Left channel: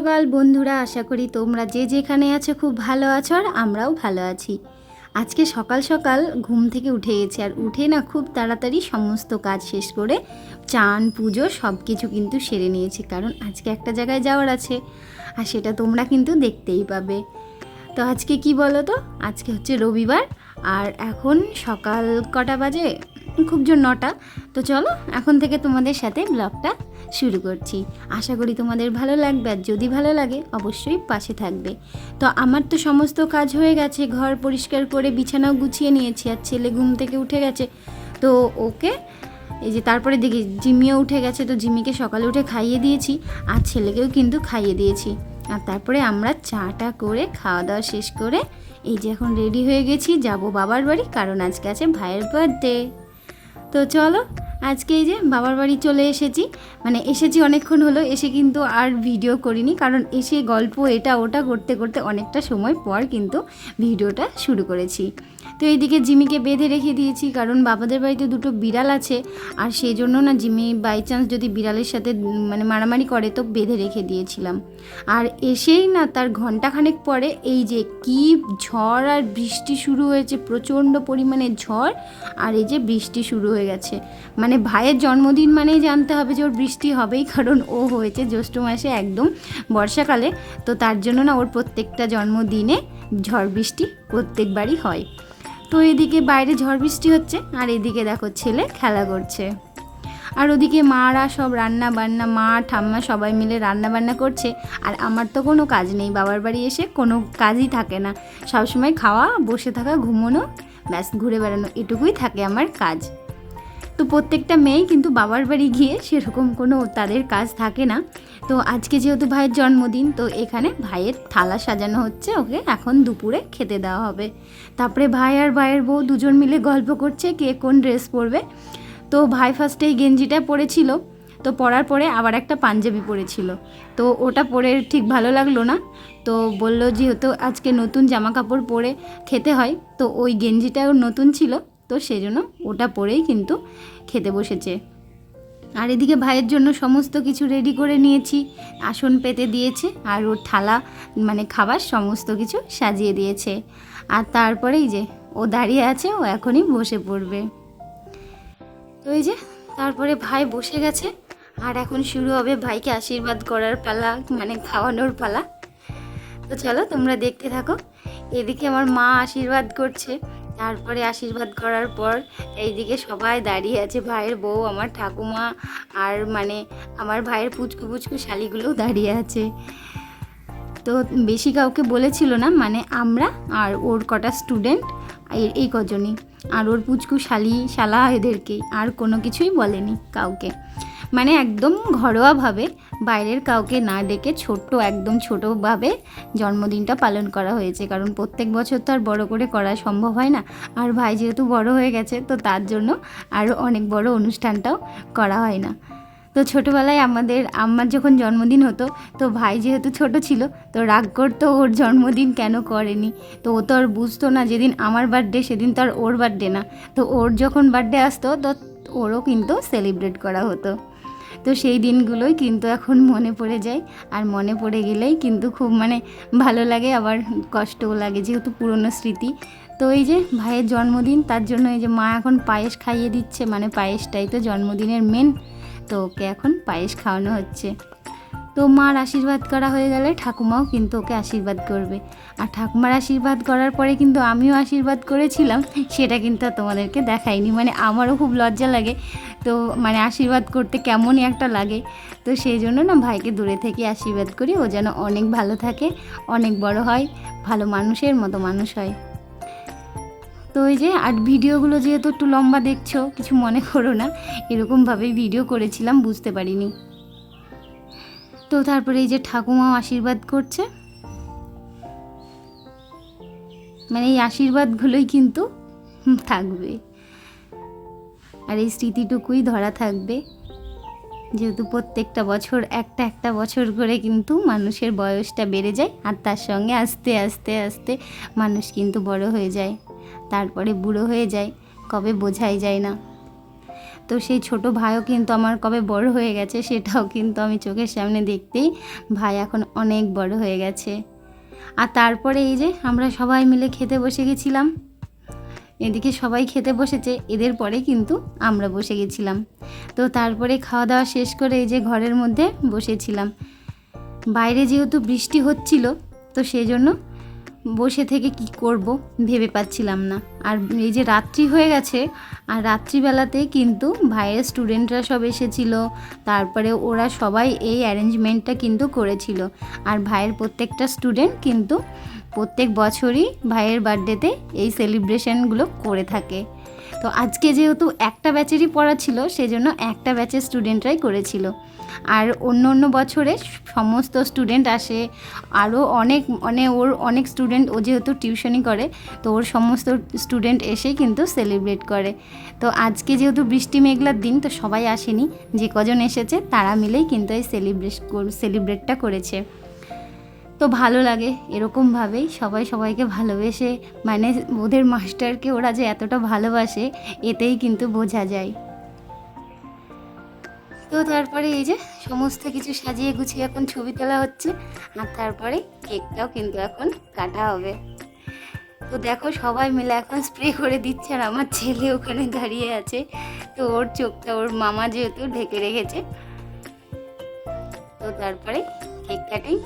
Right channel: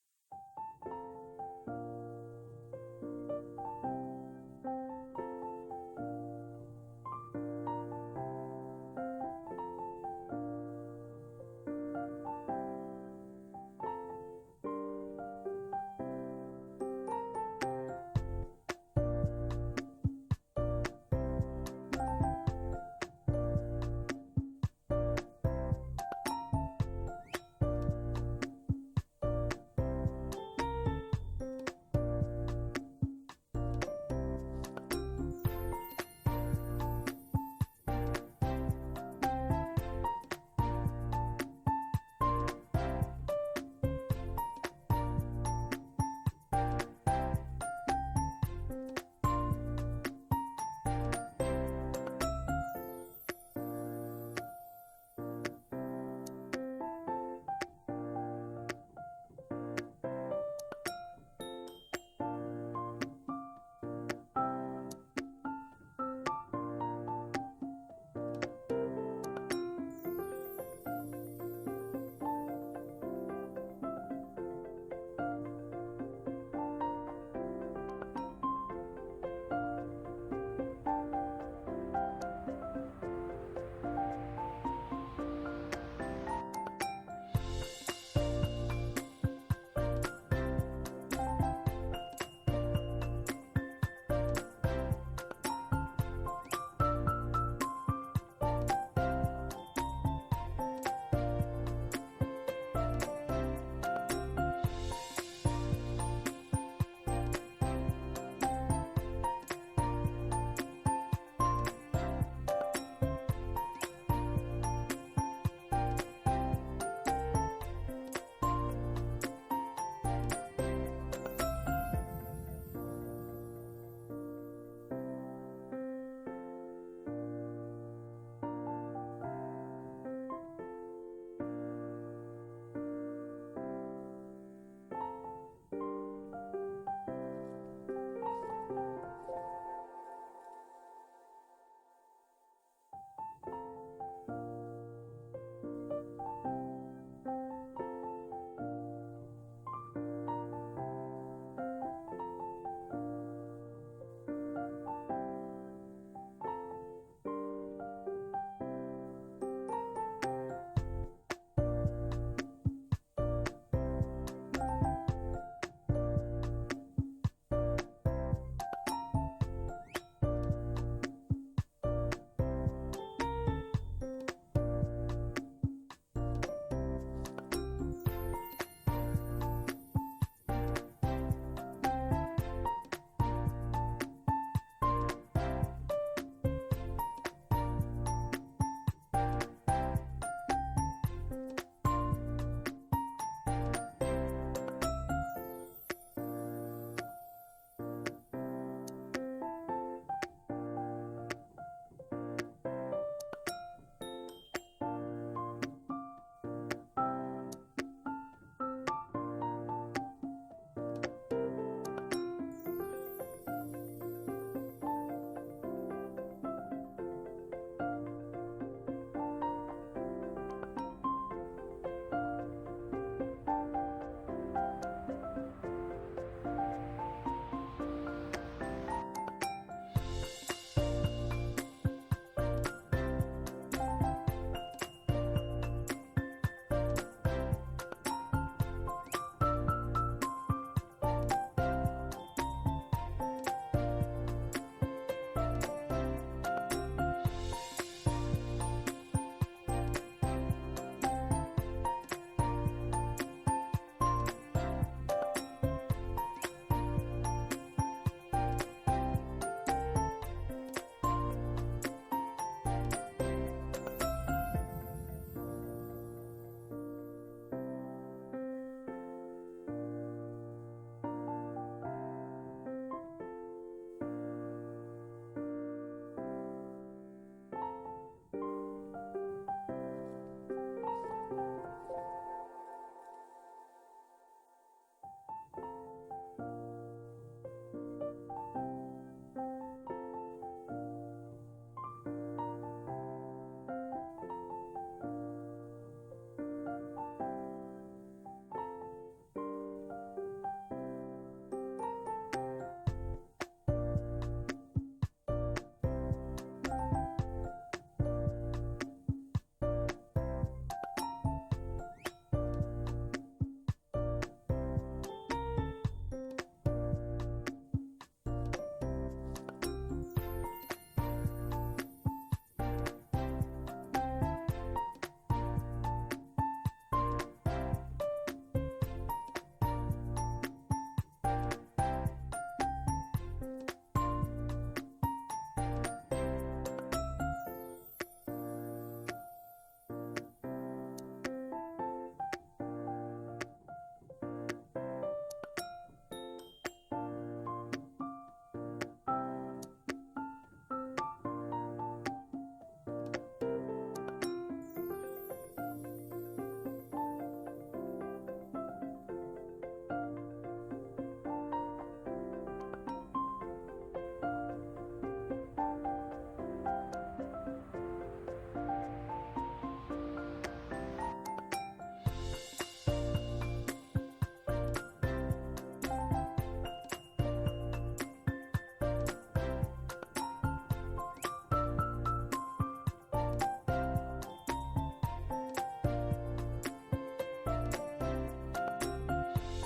সকাল বন্ধুরা, আশা করি তোমরা যে যেখানে আছো খুব ভালো আছো আর আমরাও ভালো আছি। আজকে সকাল সকাল ঘুম থেকে উঠে গেছি, আর উঠে না খুব তাড়াতাড়ি সমস্ত কাজ শেষ করে চান পুজো সব কিছু কিন্তু সেরে নিয়েছি, কারণ আজকে একটা জায়গায় যাওয়ার আছে আর সেটা তোমরা কিন্তু দেখতেই পাবে। তো আজকে কি বলো তো, আজকে হচ্ছে রবিবার আর এখন সকাল কটা বাজে, খুব জোর 9টা। তো চলো এখন থেকে তোমাদের সাথে ব্লগটা শুরু করছি। আশা করি তোমাদের ভালো লাগবে, আর যদি ভালো লাগে অবশ্যই পাশে থাকবে। তো আমার তো সমস্ত কাজ হয়ে গেছে, ঘর পরিষ্কার করে বিছানাও গুছিয়ে নিয়েছি, আর ছেলে ঘুম থেকে উঠে গেছে। তো ওকে এই যে তারপরে দেখি জিমিও উঠে গেছে, তো জিমিকে সকালে উঠে খাইয়ে দিয়েছি আর ছেলেকেও কিন্তু খাইয়ে দিয়েছি। আর তারপরে আমরা চাটা করে খাওয়া দাওয়া শেষ করে এই যে এখন রেডি হয়ে গেছি, যাব বাবার বাড়ি, কারণ আজকে আছে ভাইয়ের বার্থডে। তো চলো আজকে এই যে বাবার বাড়ি চলে এসেছি, মানে এসেছি অনেকক্ষণ হলো, এসে কিন্তু আর ভিডিও করিনি, কারণ এসে গল্প এটা ওটা করতে করতে অনেকটা সময় পর কিন্তু ভিডিওটা শুরু করেছি। তো এইদিকে জিমিকে বেঁধে রেখে দিয়েছি, কারণ বাবাদের বাড়িতে দুটো বিড়াল আছে, আর সেই জন্য না জিমি বাই চান্স যদি বিড়ালের সাথে মানে মারামারি করে তো বেঁধে রেখে দিয়েছিলাম। আর এসেই না তার ঘন্টাখানেক পরে এই যে কি ঝড় আর বৃষ্টি শুরু হয়েছে, প্রচণ্ড পরিমাণে ঝড় আর এই যে বৃষ্টি শুরু হয়ে গেছে। মানে ভাইয়ের জন্মদিন মানেই জানতে হবে যে ওর বৃষ্টি হবেই, কারণ ও হয়েছে জ্যৈষ্ঠ মাসে একদম বর্ষাকালে। তো তার জন্য না ওর প্রত্যেকটা জন্মদিনে ঝড় বৃষ্টি প্রত্যেকবারই হয়। তো এদিকে বাইরে ঝড় বৃষ্টি হচ্ছে আর এদিকে দেখো ছেলে খেলা করছে, আর ওদিকে মারা সব রান্না বান্না, মা ঠাম্মা সবাই মিলে রান্না বান্না করছে। আর আমার তো কোনো কাজ নেই, বাবার বাড়ি এসে কোনো কাজই থাকে না, সবসময় খাওয়া, বসে থাকা, ঘুমোনো, ব্যাস ঘুরে বেড়ানো, এটুকুই থাকে আমার কাজ। তো প্রত্যেকটা মেয়েই কিন্তু বাবার বাড়ি গিয়ে সেরকম কোনো তাদের কাজ থাকে না। তো আজকে যেহেতু ভাইয়ের জন্মদিন, তো এখানে ভাইয়ের থালা সাজানো হচ্ছে, ওকে এখন দুপুরে খেতে দেওয়া হবে। তারপরে ভাই আর ভাইয়ের বউ দুজন মিলে গল্প করছে কে কোন ড্রেস পরবে। তো ভাই ফার্স্টে এই গেঞ্জিটা পরেছিল, তো পরার পরে আবার একটা পাঞ্জাবি পরেছিল, তো ওটা পরে ঠিক ভালো লাগলো না। তো বলল যেহেতু আজকে নতুন জামা কাপড় পরে খেতে হয়, তো ওই গেঞ্জিটাও নতুন ছিল, তো সেই জন্য ওটা পরেই কিন্তু খেতে বসেছে। আর এদিকে ভাইয়ের জন্য সমস্ত কিছু রেডি করে নিয়েছি, আসন পেতে দিয়েছে আর ওর থালা মানে খাবার সমস্ত কিছু সাজিয়ে দিয়েছে। আর তারপরেই যে ও দাঁড়িয়ে আছে, ও এখনই বসে পড়বে। তো এই যে তারপরে ভাই বসে গেছে, আর এখন শুরু হবে ভাইকে আশীর্বাদ করার পালা, মানে খাওয়ানোর পালা। তো চলো তোমরা দেখতে থাকো। এদিকে আমার মা আশীর্বাদ করছে, তারপরে আশীর্বাদ করার পর এইদিকে সবাই দাঁড়িয়ে আছে, ভাইয়ের বউ, আমার ঠাকুমা, আর মানে আমার ভাইয়ের পুচকু পুচকু শালিগুলোও দাঁড়িয়ে আছে। তো বেশি কাউকে বলেছিল না, মানে আমরা আর ওর কটা স্টুডেন্ট এই কজনই, আর ওর পুচকু শালা এদেরকেই, আর কোনো কিছুই বলেনি কাউকে, মানে একদম ঘরোয়াভাবে বাইরের কাউকে না ডেকে ছোট্ট একদম ছোটোভাবে জন্মদিনটা পালন করা হয়েছে, কারণ প্রত্যেক বছর তো আর বড় করে করা সম্ভব হয় না। আর ভাই যেহেতু বড় হয়ে গেছে, তো তার জন্য আরও অনেক বড় অনুষ্ঠানটাও করা হয় না। তো ছোটোবেলায় আমার যখন জন্মদিন হতো, তো ভাই যেহেতু ছোট ছিল, তো রাগ করতো ওর জন্মদিন কেন করেনি। তো ও তো আর বুঝতো না যেদিন আমার বার্থডে সেদিন তো আর ওর বার্থডে না, তো ওর যখন বার্থডে আসতো তো ওরও কিন্তু সেলিব্রেট করা হতো। তো সেই দিনগুলোই কিন্তু এখন মনে পড়ে যায়, আর মনে পড়ে গেলেই কিন্তু খুব মানে ভালো লাগে, আবার কষ্টও লাগে যেহেতু পুরনো স্মৃতি। তো এই যে ভাইয়ের জন্মদিন, তার জন্য এই যে মা এখন পায়েস খাইয়ে দিচ্ছে, মানে পায়েসটাই তো জন্মদিনের মেন, তো ওকে এখন পায়েস খাওয়ানো হচ্ছে। তো মার আশীর্বাদ করা হয়ে গেলে ঠাকুমাও কিন্তু ওকে আশীর্বাদ করবে, আর ঠাকুমার আশীর্বাদ করার পরে কিন্তু আমিও আশীর্বাদ করেছিলাম, সেটা কিন্তু তোমাদেরকে দেখাইনি, মানে আমারও খুব লজ্জা লাগে, তো মানে আশীর্বাদ করতে কেমনই একটা লাগে। তো সেই জন্য না ভাইকে দূরে থেকে আশীর্বাদ করি, ও যেন অনেক ভালো থাকে, অনেক বড় হয়, ভালো মানুষের মতো মানুষ হয়। তো ওই যে আর ভিডিওগুলো যেহেতু একটু লম্বা দেখছো, কিছু মনে করো না, এরকমভাবেই ভিডিও করেছিলাম, বুঝতে পারিনি। তো তারপরে এই যে ঠাকুমাও আশীর্বাদ করছে, মানে এই আশীর্বাদগুলোই কিন্তু থাকবে, আর এই স্মৃতিটুকুই ধরা থাকবে, যেহেতু প্রত্যেকটা বছর একটা বছর করে কিন্তু মানুষের বয়সটা বেড়ে যায়, আর তার সঙ্গে আস্তে আস্তে আস্তে মানুষ কিন্তু বড় হয়ে যায়, তারপরে বুড়ো হয়ে যায়, কবে বোঝাই যায় না। তো সেই ছোট ভাইও কিন্তু আমার কবে বড় হয়ে গেছে সেটাও কিন্তু আমি চোখের সামনে দেখতেই, ভাই এখন অনেক বড় হয়ে গেছে। আর তারপরে এই যে আমরা সবাই মিলে খেতে বসে গেছিলাম। এদিকে সবাই খেতে বসেছে, এদের পরে কিন্তু আমরা বসে গেছিলাম। তো তারপরে খাওয়া দাওয়া শেষ করে এই যে ঘরের মধ্যে বসেছিলাম। বাইরে যেহেতু বৃষ্টি হচ্ছিল, তো সেই জন্য বসে থেকে কি করব ভেবে পাচ্ছিলাম না। আর এই যে রাত্রি হয়ে গেছে, আর রাত্রিবেলাতে কিন্তু ভাইয়ের স্টুডেন্টরা সব এসেছিল, তারপরে ওরা সবাই এই অ্যারেঞ্জমেন্টটা কিন্তু করেছিল। আর ভাইয়ের প্রত্যেকটা স্টুডেন্ট কিন্তু প্রত্যেক বছরই ভাইয়ের বার্থডেতে এই সেলিব্রেশনগুলো করে থাকে। তো আজকে যেহেতু একটা ব্যাচেরই পড়া ছিল, সেজন্য একটা ব্যাচের স্টুডেন্টরাই করেছিল। আর অন্য অন্য বছরে সমস্ত স্টুডেন্ট আসে, আরও ওর অনেক স্টুডেন্ট, ও যেহেতু টিউশনই করে, তো ওর সমস্ত স্টুডেন্ট এসেই কিন্তু সেলিব্রেট করে। তো আজকে যেহেতু বৃষ্টি মেঘলার দিন, তো সবাই আসেনি, যে কজন এসেছে তারা মিলেই কিন্তু এই সেলিব্রেটটা করেছে। তো ভালো লাগে এরকমভাবেই সবাই সবাইকে ভালোবেসে, মানে ওদের মাস্টারকে ওরা যে এতটা ভালোবাসে এতেই কিন্তু বোঝা যায়। তো তারপরে এই যে সমস্ত কিছু সাজিয়ে গুছিয়ে এখন ছবি তোলা হচ্ছে, আর তারপরে কেকটাও কিন্তু এখন কাটা হবে। তো দেখো সবাই মিলে এখন স্প্রে করে দিচ্ছে, আর আমার ছেলে ওখানে দাঁড়িয়ে আছে। তো ওর চোখটা ওর মামা যেহেতু ঢেকে রেখেছে। তো তারপরে কেক কাটিং।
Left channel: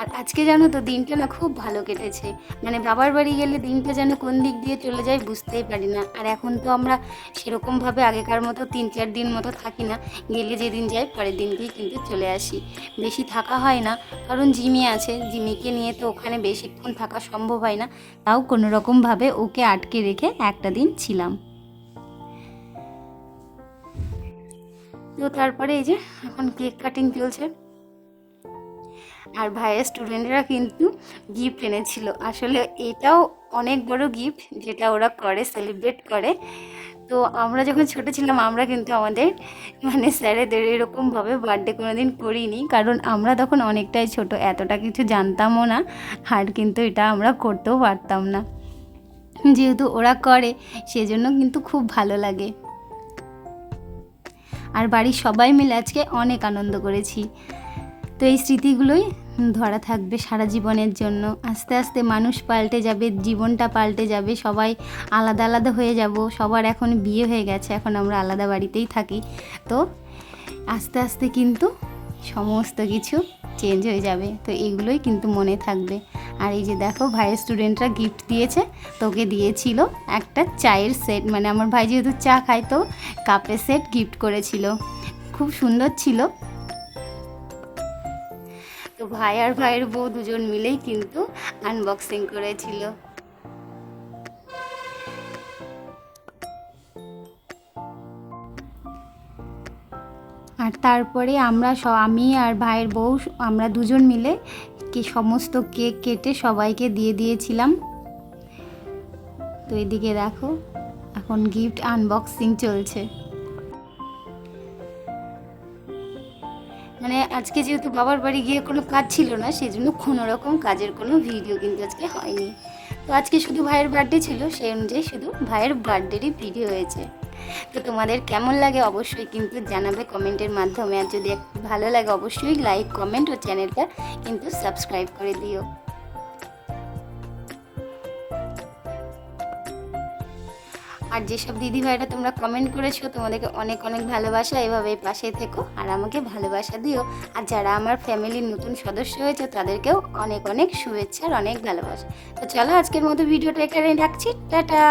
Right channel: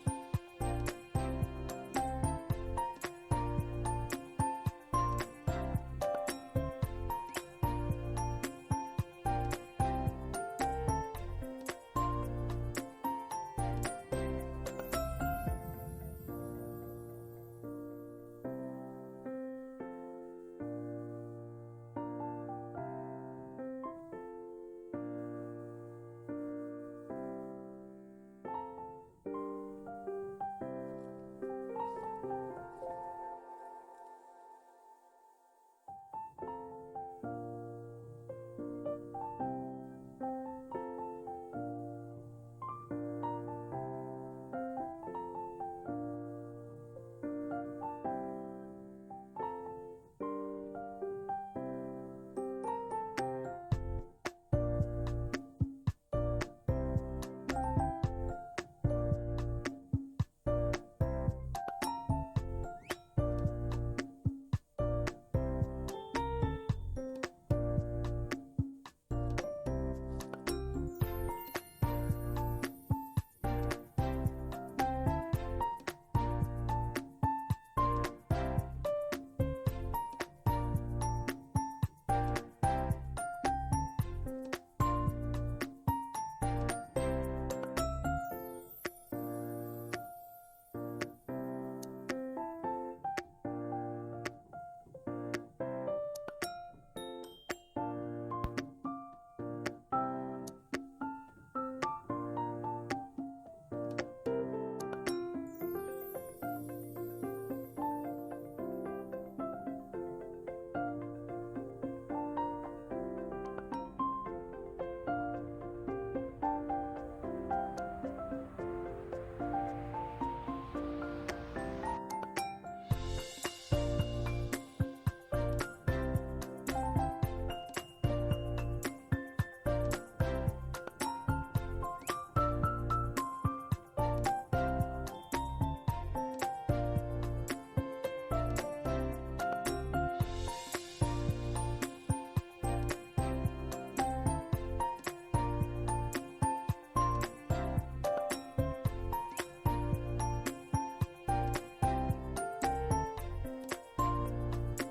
আর আজকে জানো তো দিনটা না খুব ভালো কেটেছে, মানে বাবার বাড়ি গেলে দিনটা যেন কোন দিক দিয়ে চলে যায় বুঝতেই পারি না। আর এখন তো আমরা সেরকমভাবে আগেকার মতো 3-4 দিন মতো থাকি না, গেলে যেদিন যাই পরের দিনকেই কিন্তু চলে আসি। বেশি থাকা হয় না, কারণ জিমি আছে, জিমিকে নিয়ে তো ওখানে বেশিক্ষণ থাকা সম্ভব হয় না। তাও কোনো রকমভাবে ওকে আটকে রেখে একটা দিন ছিলাম। তো তারপরে এই যে এখন কেক কাটিং চলছে। আর ভাইয়ের স্টুডেন্টরা কিন্তু গিফট এনেছিল। আসলে এটাও অনেক বড় গিফট যেটা ওরা করে, সেলিব্রেট করে। তো আমরা যখন ছোটো ছিলাম আমরা কিন্তু আমাদের মানে স্যারেদের এরকমভাবে বার্থডে কোনো দিন করিনি, কারণ আমরা তখন অনেকটাই ছোট, এতটা কিছু জানতামও না, আর কিন্তু এটা আমরা করতেও পারতাম না। যেহেতু ওরা করে সেজন্য কিন্তু খুব ভালো লাগে। আর বাড়ির সবাই মিলে আজকে অনেক আনন্দ করেছি। তো এই স্মৃতিগুলোই ধরা থাকবে সারা জীবনের জন্য। আস্তে আস্তে মানুষ পাল্টে যাবে, জীবনটা পাল্টে যাবে, সবাই আলাদা আলাদা হয়ে যাব। সবার এখন বিয়ে হয়ে গেছে, এখন আমরা আলাদা বাড়িতেই থাকি। তো আস্তে আস্তে কিন্তু সমস্ত কিছু চেঞ্জ হয়ে যাবে। তো এগুলোই কিন্তু মনে থাকবে। আর এই যে দেখো ভাইয়ের স্টুডেন্টরা গিফট দিয়েছে, তোকে দিয়েছিল একটা চায়ের সেট, মানে আমার ভাই যেহেতু চা খায় তো কাপের সেট গিফট করেছিল, খুব সুন্দর ছিল। তো ভাই আর ভাইয়ের বউ দুজন মিলেই কিন্তু আনবক্সিং করেছিল। আর তারপরে আমি আর ভাইয়ের বউ আমরা দুজন মিলে সমস্ত কেক কেটে সবাইকে দিয়ে দিয়েছিলাম। তো এদিকে দেখো এখন গিফট আনবক্সিং চলছে। মানে আজকে যেহেতু বাবার বাড়ি গিয়ে কোনো কাজ ছিল না, সেই জন্য কোনো রকম কাজের কোনো ভিডিও কিন্তু আজকে হয়নি। তো আজকে শুধু ভাইয়ের বার্থডে ছিল, সেই অনুযায়ী শুধু ভাইয়ের বার্থডেরই ভিডিও হয়েছে। তো তোমাদের কেমন লাগে অবশ্যই কিন্তু জানাবে কমেন্টের মাধ্যমে। আর যদি ভালো লাগে অবশ্যই লাইক, কমেন্ট ও চ্যানেলটা কিন্তু সাবস্ক্রাইব করে দিও। আর যেসব দিদি ভাইরা তোমরা কমেন্ট করেছো, তোমাদেরকে অনেক অনেক ভালোবাসা, এভাবে পাশে থেকো আর আমাকে ভালোবাসা দিও। আর যারা আমার ফ্যামিলির নতুন সদস্য হয়েছে তাদেরকেও অনেক অনেক শুভেচ্ছা আর অনেক ভালোবাসা। তো চলো আজকের মতো ভিডিওটা এখানে রাখছি, টাটা।